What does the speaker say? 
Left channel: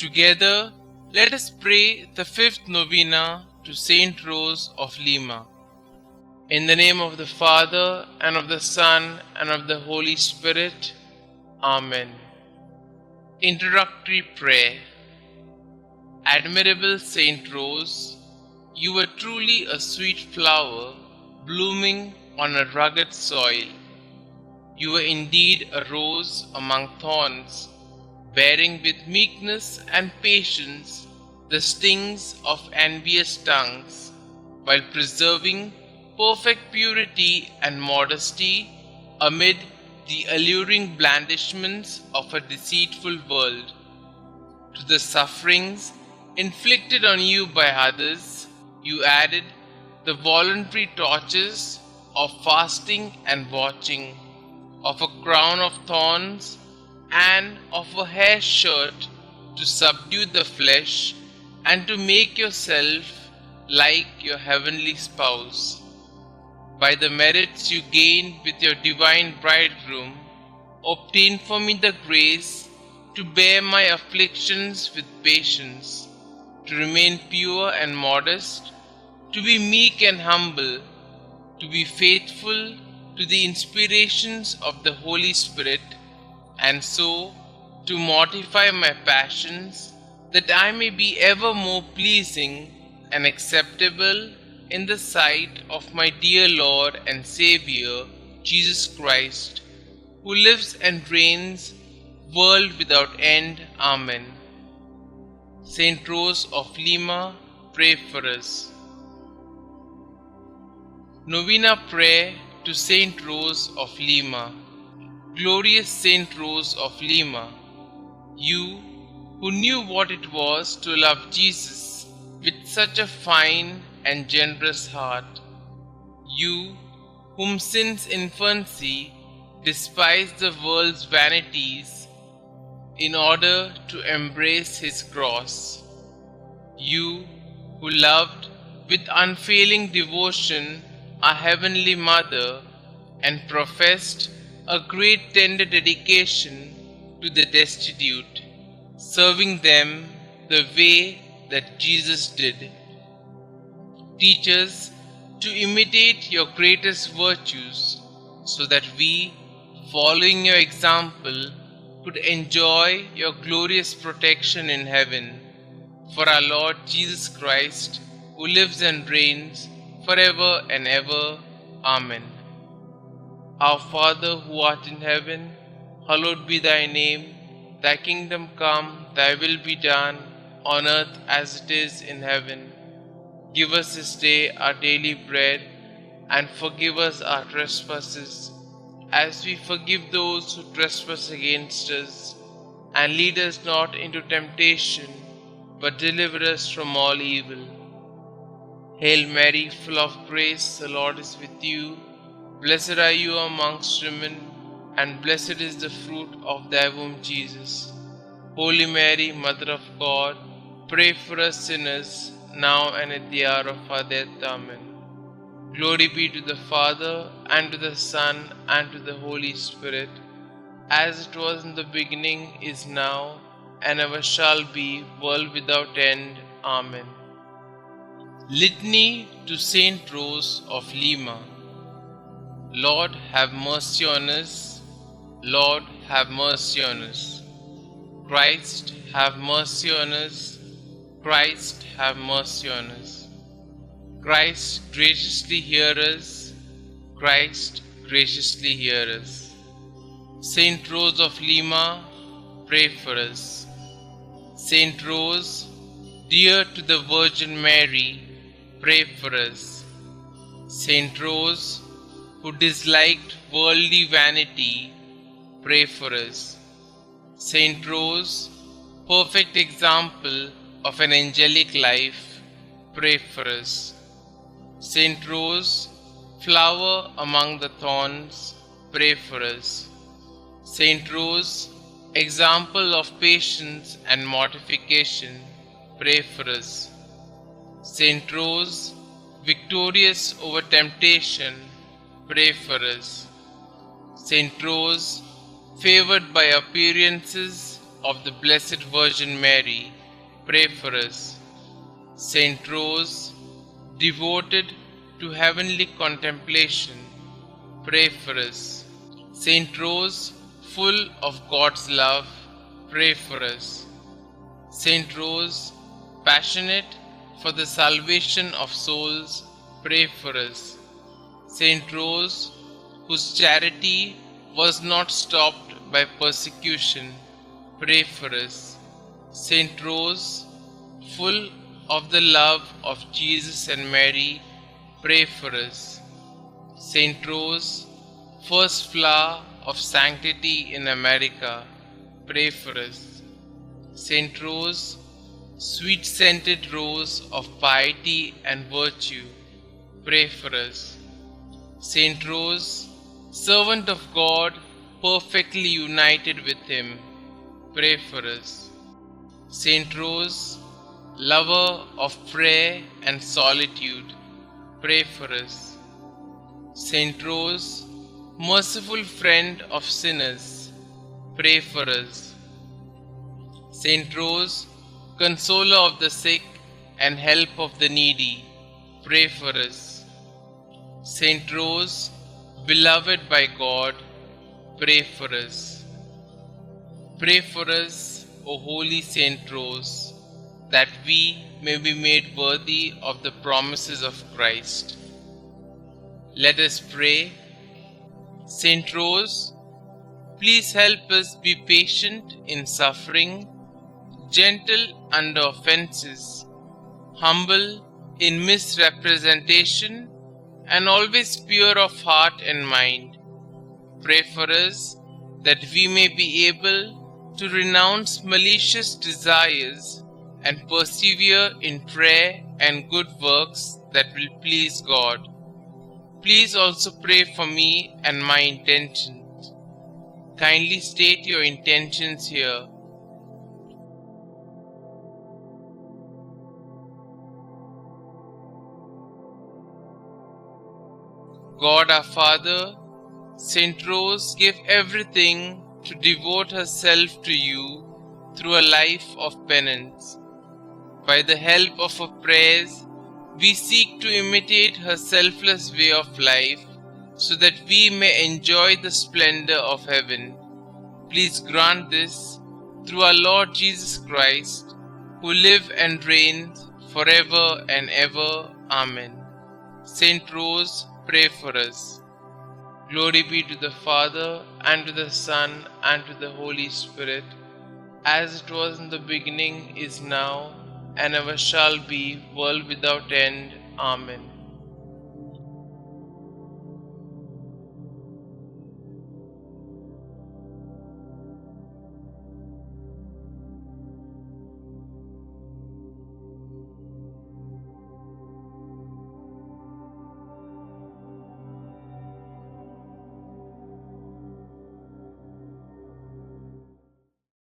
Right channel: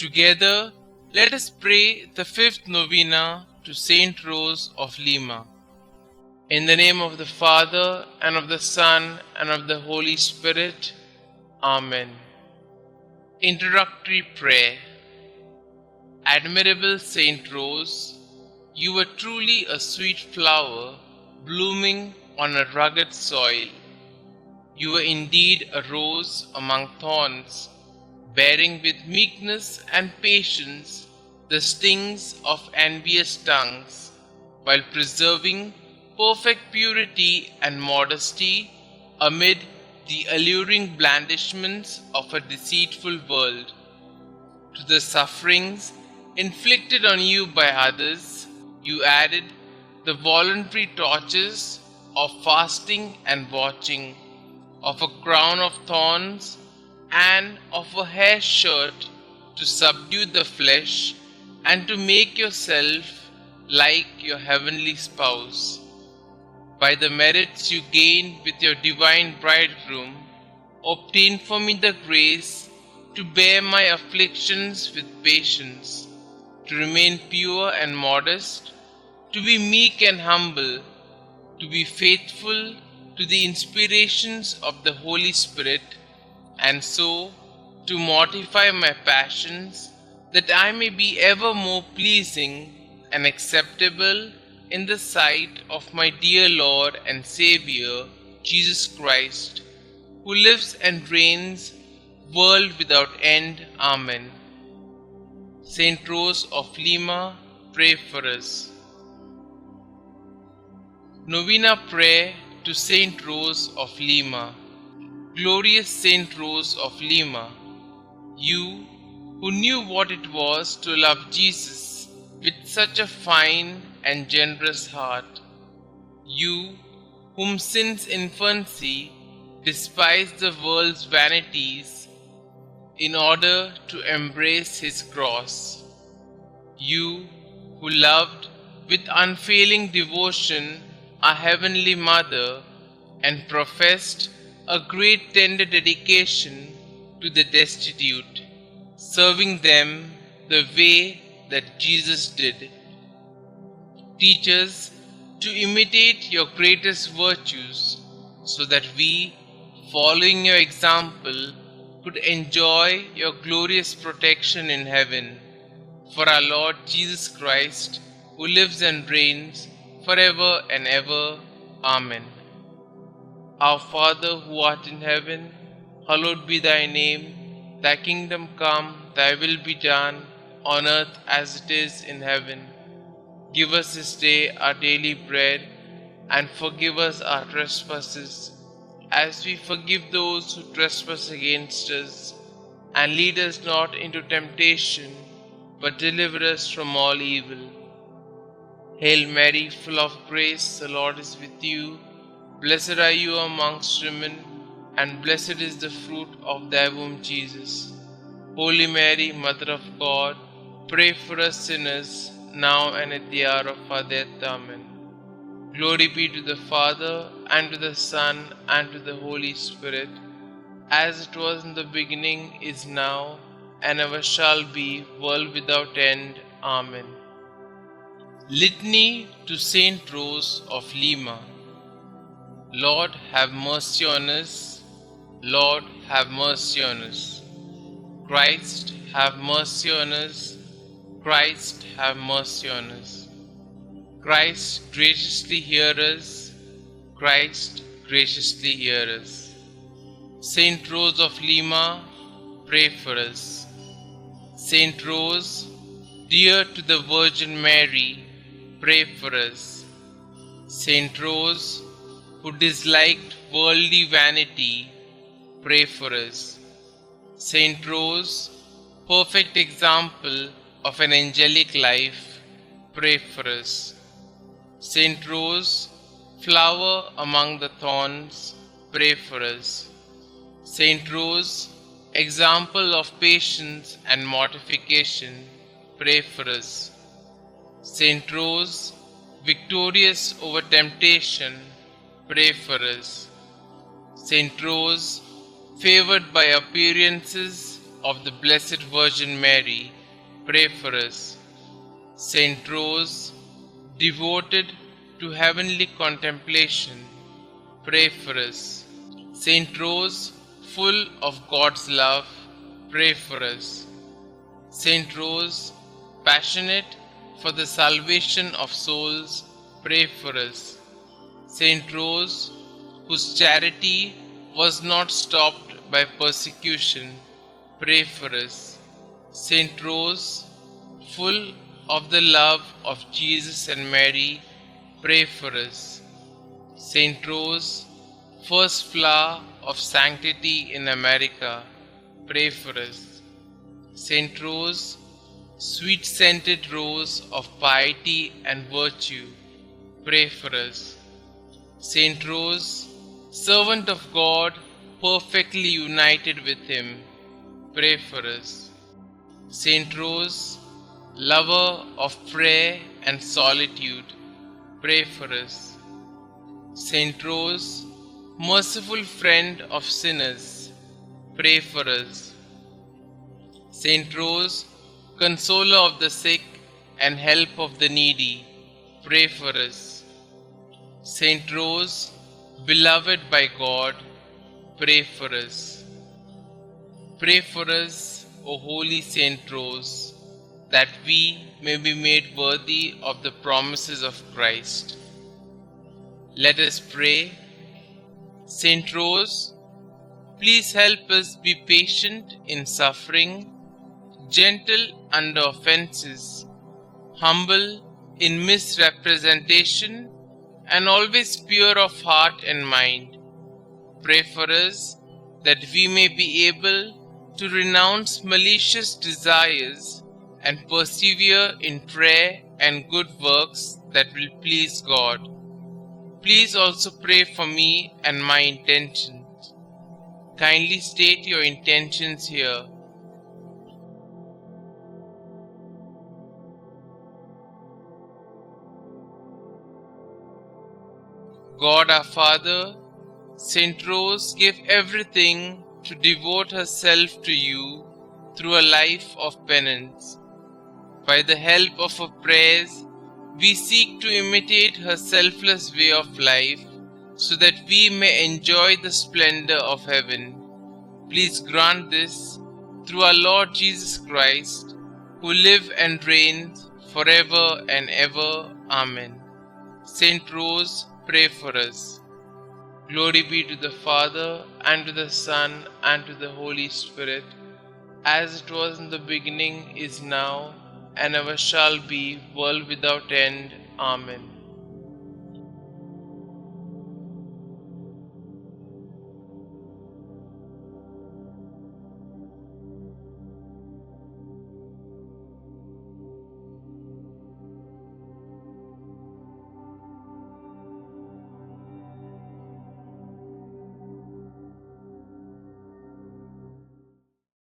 Together, let us pray the fifth novena to St Rose of Lima. In the name of the Father, and of the Son, and of the Holy Spirit. Amen. Introductory Prayer. Admirable St Rose, you were truly a sweet flower blooming on a rugged soil. You were indeed a rose among thorns, bearing with meekness and patience the stings of envious tongues, while preserving perfect purity and modesty amid the alluring blandishments of a deceitful world. To the sufferings inflicted on you by others, you added the voluntary tortures of fasting and watching, of a crown of thorns and of a hair shirt to subdue the flesh and to make yourself like your heavenly spouse. By the merits you gained with your divine bridegroom, obtain for me the grace to bear my afflictions with patience, to remain pure and modest, to be meek and humble, to be faithful to the inspirations of the Holy Spirit, and so to mortify my passions, that I may be ever more pleasing and acceptable in the sight of my dear Lord and Xavier, Jesus Christ, who lives and reigns, world without end. Amen. St Rose of Lima, pray for us. Novena Prayer to St Rose of Lima. Glorious St Rose of Lima, you who knew what it was to love Jesus with such a fine and generous heart, you whom since infancy despised the world's vanities in order to embrace his cross, you who loved with unfailing devotion our Heavenly Mother and professed a great tender dedication to the destitute, serving them the way that Jesus did. Teach us to imitate your greatest virtues, so that we, following your example, could enjoy your glorious protection in heaven. For our Lord Jesus Christ, who lives and reigns forever and ever. Amen. Our Father who art in heaven, hallowed be thy name. Thy kingdom come, thy will be done, on earth as it is in heaven. Give us this day our daily bread, and forgive us our trespasses, as we forgive those who trespass against us. And lead us not into temptation, but deliver us from all evil. Hail Mary, full of grace, the Lord is with you. Blessed are you amongst women, and blessed is the fruit of thy womb, Jesus. Holy Mary, Mother of God, pray for us sinners, now and at the hour of our death. Amen. Glory be to the Father, and to the Son, and to the Holy Spirit, as it was in the beginning, is now, and ever shall be, world without end. Amen. Litany to St Rose of Lima. Lord, have mercy on us. Lord, have mercy on us. Christ, have mercy on us. Christ, have mercy on us. Christ, graciously hear us. Christ, graciously hear us. St Rose of Lima, pray for us. St Rose, dear to the Virgin Mary, pray for us. St Rose, who disliked worldly vanity, pray for us. St Rose, perfect example of an angelic life, pray for us. St Rose, flower among the thorns, pray for us. St Rose, example of patience and mortification, pray for us. St Rose, victorious over temptation, pray for us. St Rose, favored by appearances, of the Blessed Virgin Mary, pray for us. St Rose, devoted to heavenly contemplation, pray for us. St Rose, full of God's love, pray for us. St Rose, passionate for the salvation of souls, pray for us. St Rose, whose charity was not stopped by persecution, pray for us. St Rose, full of the love of Jesus and Mary, pray for us. St Rose, first flower of sanctity in America, pray for us. St Rose, sweet-scented rose of piety and virtue, pray for us. St Rose, servant of God, perfectly united with Him, pray for us. St Rose, lover of prayer and solitude, pray for us. St Rose, merciful friend of sinners, pray for us. St Rose, consoler of the sick and help of the needy, pray for us. St Rose, beloved by God, pray for us. Pray for us, O Holy St Rose, that we may be made worthy of the promises of Christ. Let us pray. St Rose, please help us be patient in suffering, gentle under offenses, humble in misrepresentation, and always pure of heart and mind. Pray for us that we may be able to renounce malicious desires and persevere in prayer and good works that will please God. Please also pray for me and my intentions. Kindly state your intentions here. God our Father, St Rose gave everything to devote herself to you through a life of penance. By the help of her prayers, we seek to imitate her selfless way of life so that we may enjoy the splendor of heaven. Please grant this through our Lord Jesus Christ, who lives and reigns forever and ever. Amen. St Rose, pray for us. Glory be to the Father, and to the Son, and to the Holy Spirit, as it was in the beginning, is now, and ever shall be, world without end. Amen.